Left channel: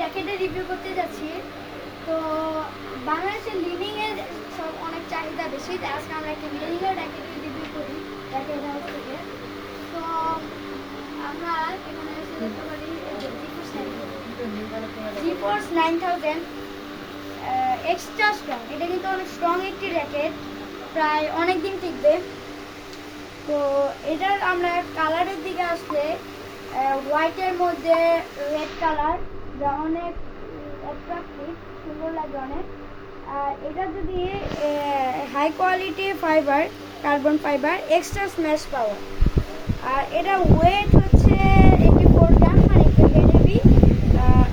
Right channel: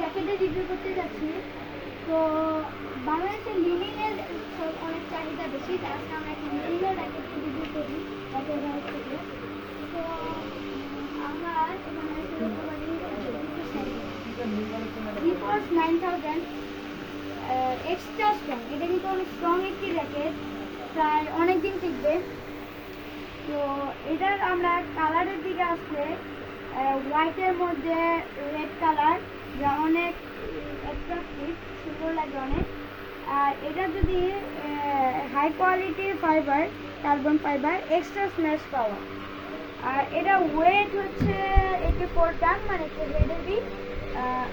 র্যাকেটের review করতে যাচ্ছি। তো বাংলাদেশের লিনিংয়ের সব অনেক চাহিদা বেশি, তাই আজকে আমরা একটা লিনিংয়ের র্যাকেটের রিভিউ করি র্যাকেট হাউস থেকে। তো আমরা এখানে এসে দেখতে পারি জিফোর্স 9000 এক্সট্রা স্ট্রং। এটা কিন্তু অনেক স্ট্রং একটি র্যাকেট, প্রায় অনেক দিন টিকবে। তো এটার আমরা কালারের দিকে আসলে হোয়াইটের মধ্যে রেড কালার, যা অনেক অ্যাট্রাকটিভ, সুন্দর লাগে অনেক। আর এটা যদি high quality fibre, carbon fibre, extra smash power. আর এটা ওয়েট হচ্ছে 84 গ্রাম, মানে একটু হেভি।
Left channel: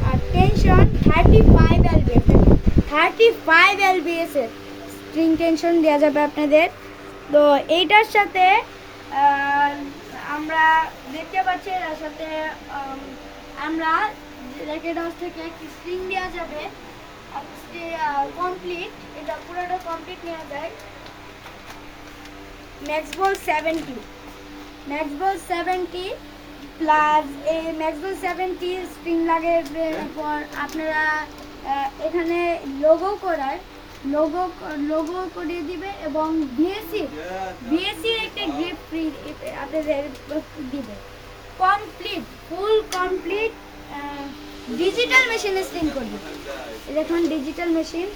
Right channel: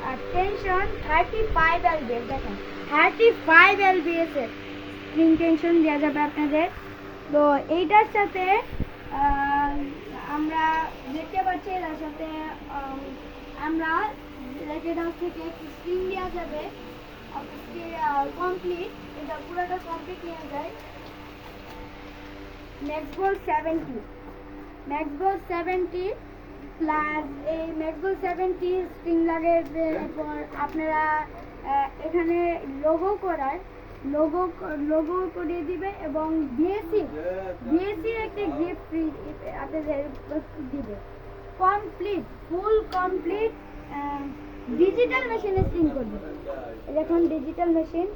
আর টেনশন 35 এলবিএস, 35 এলবিএস এর স্ট্রিং টেনশন দেওয়া যাবে আপনাদের। তো এইটার সাথে আমরা দেখতে পাচ্ছি, এটার সাথে আমরা র্যাকেট হাউস থেকে একটি স্ট্রিং দেওয়া যাবে কমপ্লিট। এটা পুরোটা কমপ্লিট নেওয়া যায়। ম্যাক্সবল 70, ম্যাক্সবল 70 প্লাস এই ম্যাক্সবল 70 স্ট্রিং লাগে। এরপর আপনারা এখানে লোগো করার লোগো করিয়ে দিবে এবং বিএসসির একটা গ্রিপ ফ্রি আপনাদের দিবে। কমপ্লিট, ফুল কমপ্লিট ডিজিটাল মেশিনে স্ট্রিং করবে। দেখুন ডিজিটাল মেশিন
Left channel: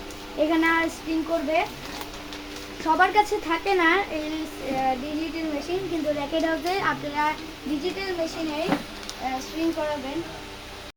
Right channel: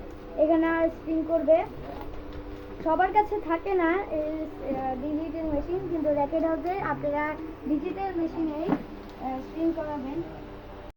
এখানে স্ট্রিং করবে। সবার কাছে থাকে না এই ডিজিটাল মেশিন, কিন্তু র্যাকেট হাউসে আপনারা ডিজিটাল মেশিনে স্ট্রিং করাবেন।